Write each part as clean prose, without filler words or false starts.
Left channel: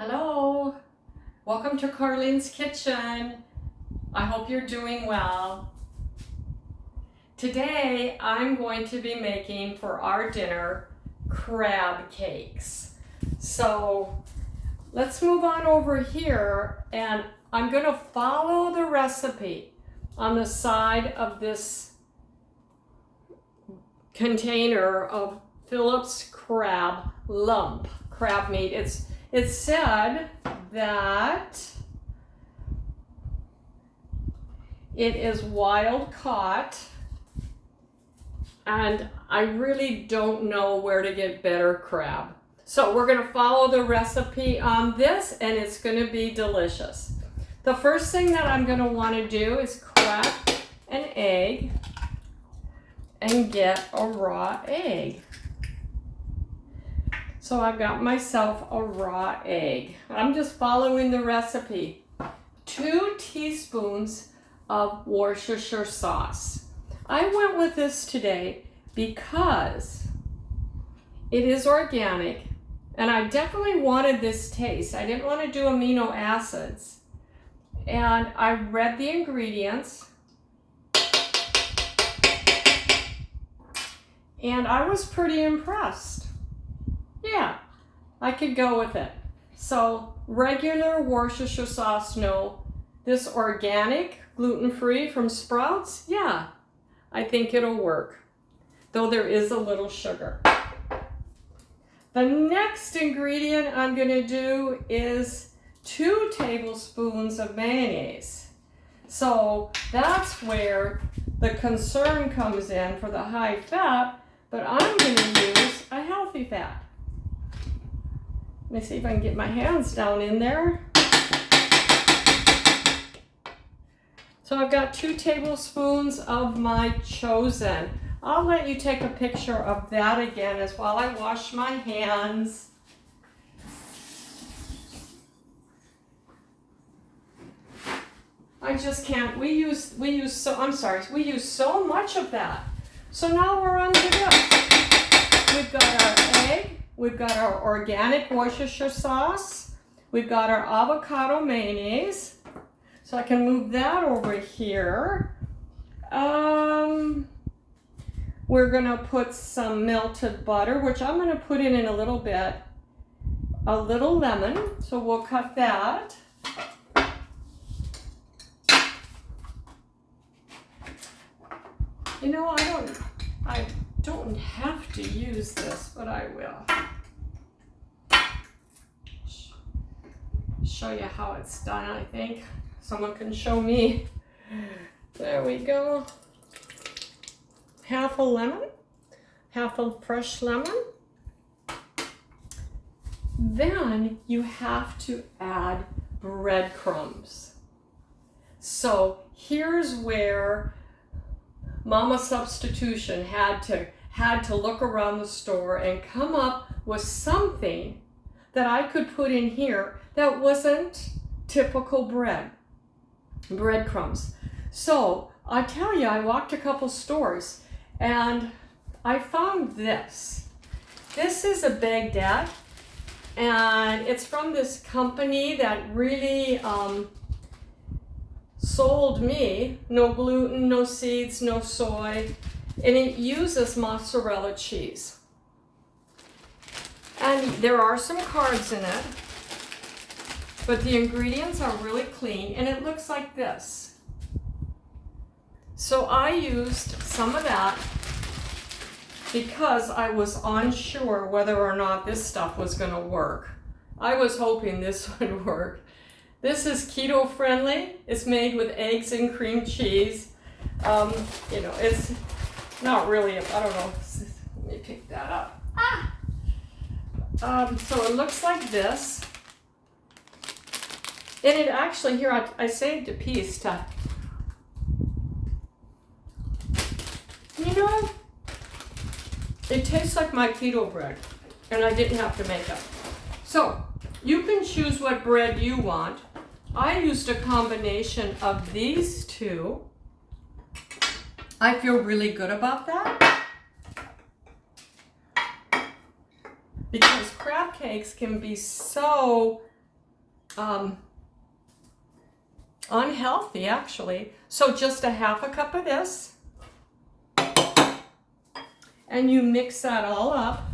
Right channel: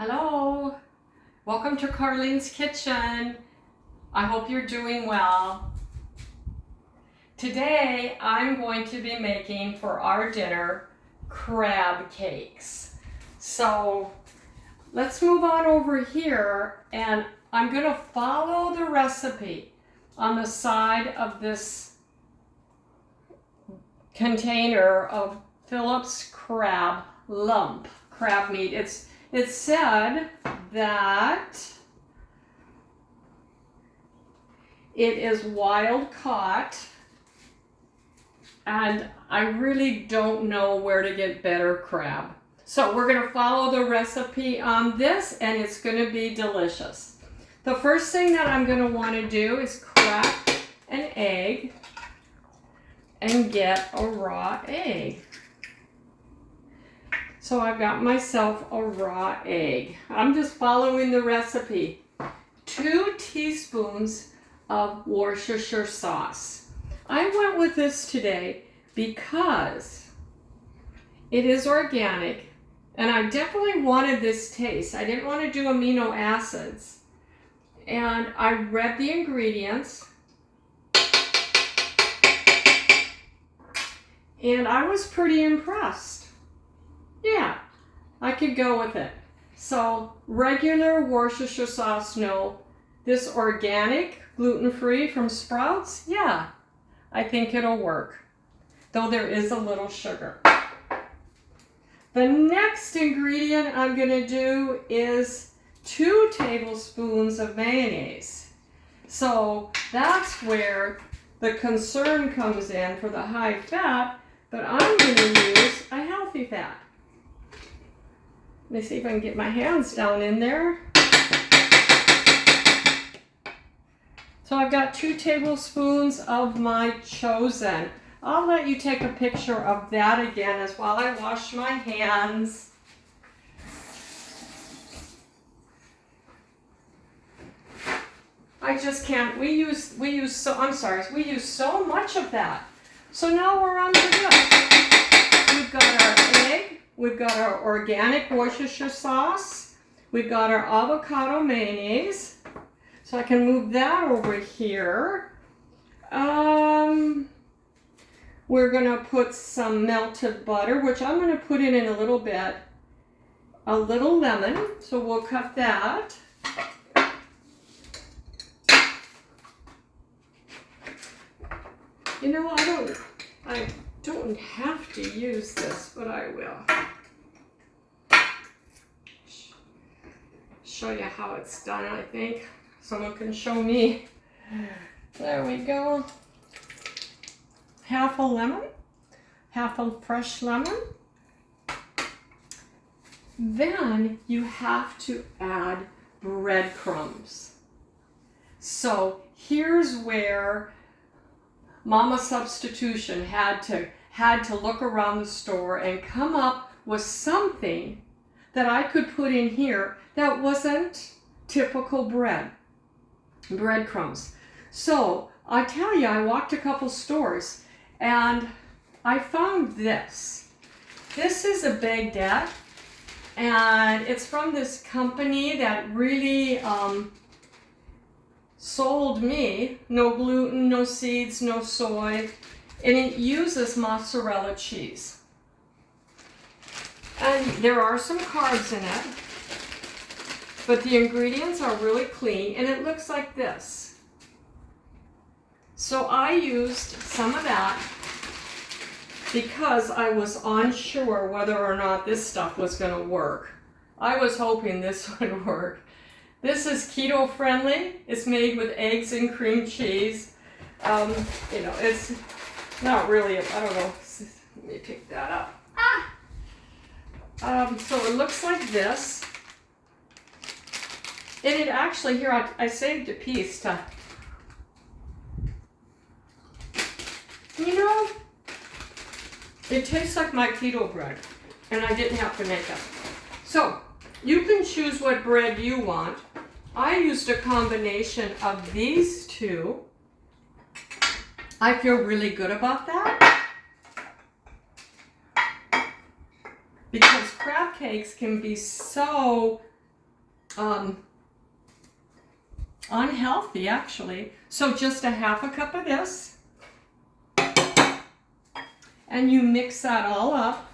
Hello, welcome to Carlene's Kitchen. I hope you're doing well. Today I'm going to be making for our dinner crab cakes. So let's move on over here, and I'm going to follow the recipe on the side of this container of Phillips crab meat. It said that it is wild caught, and I really don't know where to get better crab. So we're going to follow the recipe on this, and it's going to be delicious. The first thing that I'm going to want to do is crack an egg and get a raw egg. So I've got myself a raw egg. I'm just following the recipe. 2 teaspoons of Worcestershire sauce. I went with this today because it is organic, and I definitely wanted this taste. I didn't want to do amino acids. And I read the ingredients, and I was pretty impressed. Yeah, I could go with it. So regular Worcestershire sauce, no. This organic, gluten-free from Sprouts, yeah, I think it'll work. Though there is a little sugar. The next ingredient I'm going to do is 2 tablespoons of mayonnaise. So that's where the concern comes in for the high fat, but I'm going to use a healthy fat. Let me see if I can get my hands down in there. So I've got 2 tablespoons of my chosen. I'll let you take a picture of that again as while I wash my hands. I just can't. We use so much of that. So now we're on to this. We've got our egg. We've got our organic Worcestershire sauce. We've got our avocado mayonnaise. So I can move that over here. We're going to put some melted butter, which I'm going to put in a little bit. A little lemon, so we'll cut that. You know, I don't have to use this, but I will. Show you how it's done, I think. Someone can show me. There we go. Half a lemon, half a fresh lemon. Then you have to add breadcrumbs. So here's where Mama Substitution had to look around the store and come up with something that I could put in here that wasn't typical breadcrumbs. So I tell you, I walked a couple stores and I found this. This is a baguette, and it's from this company that really sold me no gluten, no seeds, no soy, and it uses mozzarella cheese. And there are some carbs in it, but the ingredients are really clean, and it looks like this. So I used some of that because I was unsure whether or not this stuff was going to work. I was hoping this would work. This is keto friendly. It's made with eggs and cream cheese. You know, it's not really, I don't know. Let me pick that up. So it looks like this. And it actually, here, I saved a piece to, you know, it tastes like my keto bread, and I didn't have to make it. So you can choose what bread you want. I used a combination of these 2. I feel really good about that because crab cakes can be so unhealthy actually. So just a half a cup of this, and you mix that all up.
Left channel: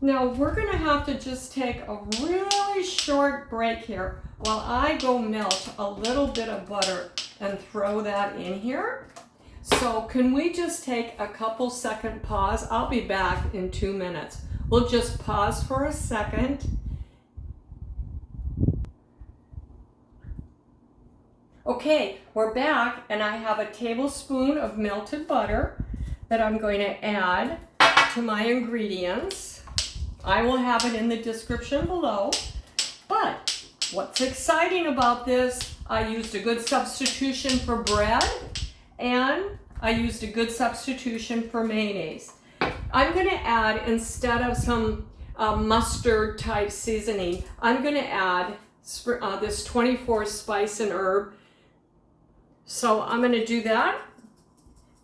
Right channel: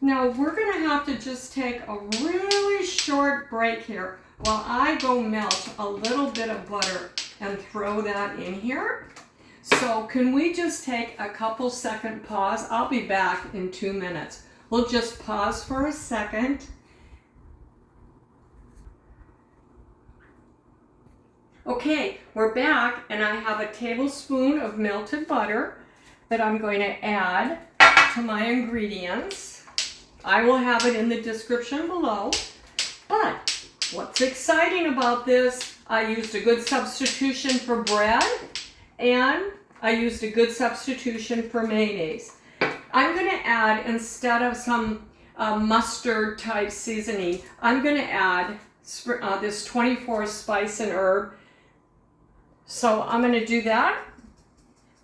Now we're gonna have to just take a really short break here while I go melt a little bit of butter and throw that in here. So can we just take a couple second pause? I'll be back in 2 minutes. We'll just pause for a second. Okay, we're back, and I have a tablespoon of melted butter that I'm going to add to my ingredients. I will have it in the description below. But what's exciting about this, I used a good substitution for bread, and I used a good substitution for mayonnaise. I'm going to add, instead of some mustard type seasoning, I'm going to add this 24 spice and herb. So I'm going to do that,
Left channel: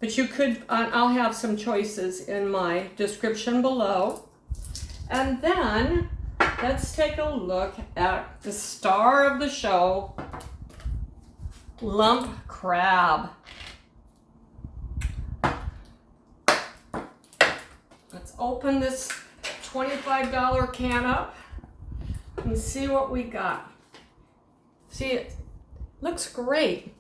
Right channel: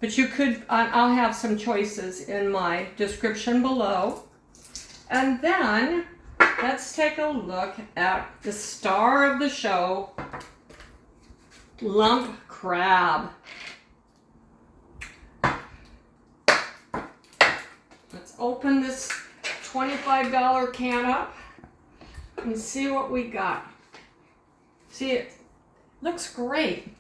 but you could, I'll have some choices in my description below. And then let's take a look at the star of the show, lump crab. Let's open this $25 can up and see what we got. See, it looks great.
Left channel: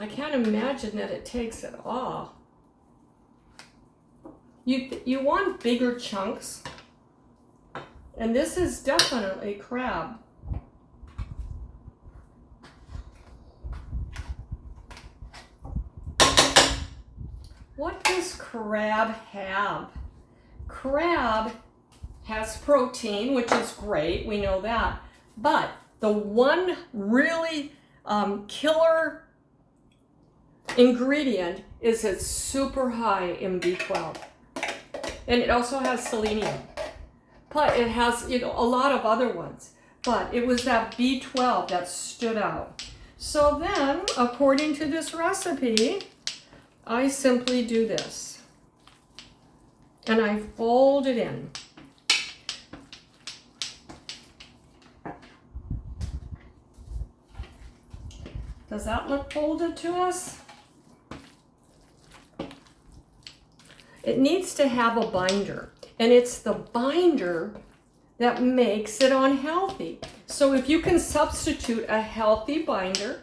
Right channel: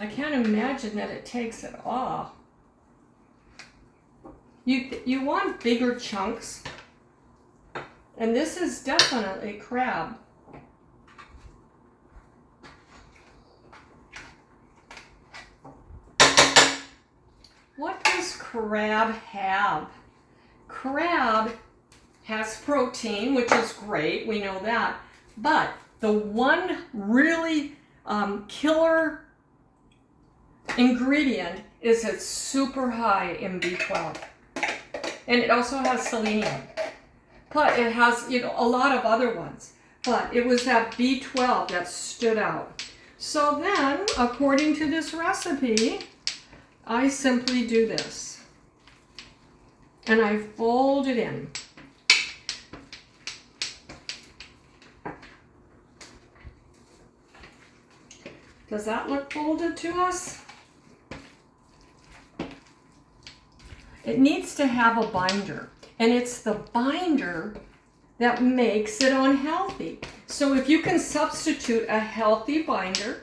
I can't imagine that it takes it all. You want bigger chunks, and this is definitely crab. What does crab have? Crab has protein, which is great, we know that, but the one really killer ingredient is it's super high in B12, and it also has selenium, but it has, you know, a lot of other ones, but it was that B12 that stood out. So then, according to this recipe, I simply do this, and I fold it in. Does that look folded to us? It needs to have a binder, and it's the binder that makes it unhealthy. So if you can substitute a healthy binder,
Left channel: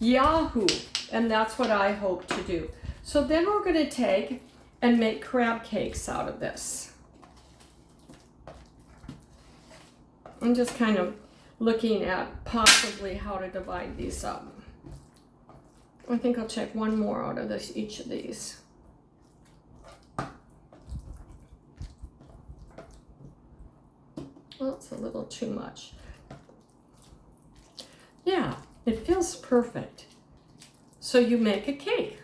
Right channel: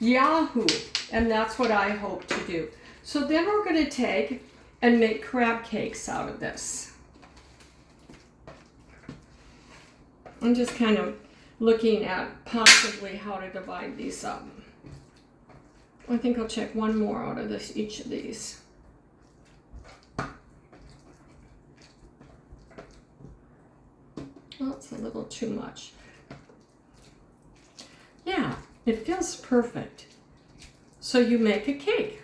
yahoo, and that's what I hope to do. So then we're going to take and make crab cakes out of this. I'm just kind of looking at possibly how to divide these up. I think I'll check one more out of this, each of these. Well, it's a little too much. Yeah, it feels perfect. So you make a cake.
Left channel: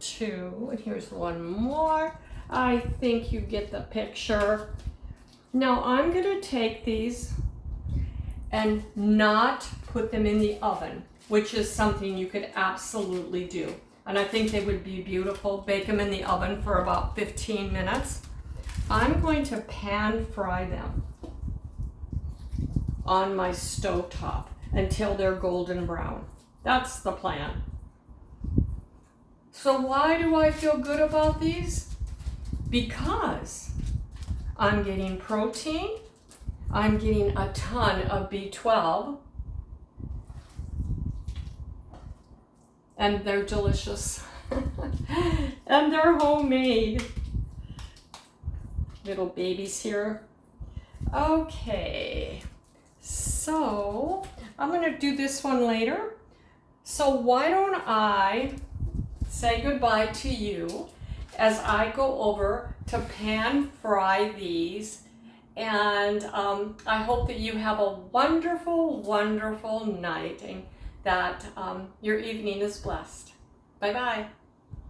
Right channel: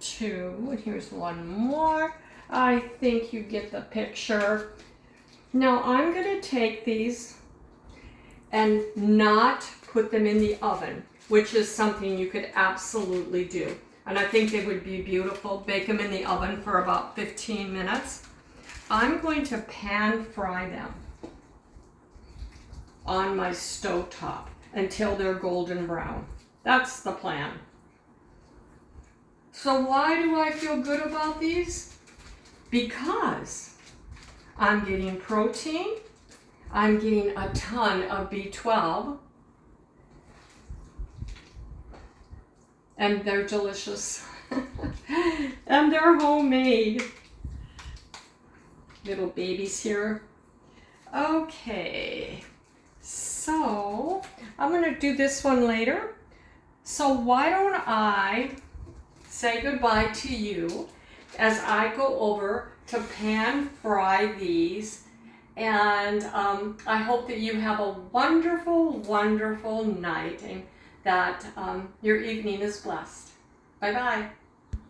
Two, and here's one more. I think you get the picture. Now I'm going to take these and not put them in the oven, which is something you could absolutely do. And I think they would be beautiful. Bake them in the oven for about 15 minutes. I'm going to pan fry them on my stovetop until they're golden brown. That's the plan. So why do I feel good about these? Because I'm getting protein, I'm getting a ton of B12, and they're delicious. And they're homemade. Little babies here. Okay, so I'm gonna do this one later. So why don't I say goodbye to you as I go over to pan fry these, and I hope that you have a wonderful, wonderful night, and that your evening is blessed. Bye-bye.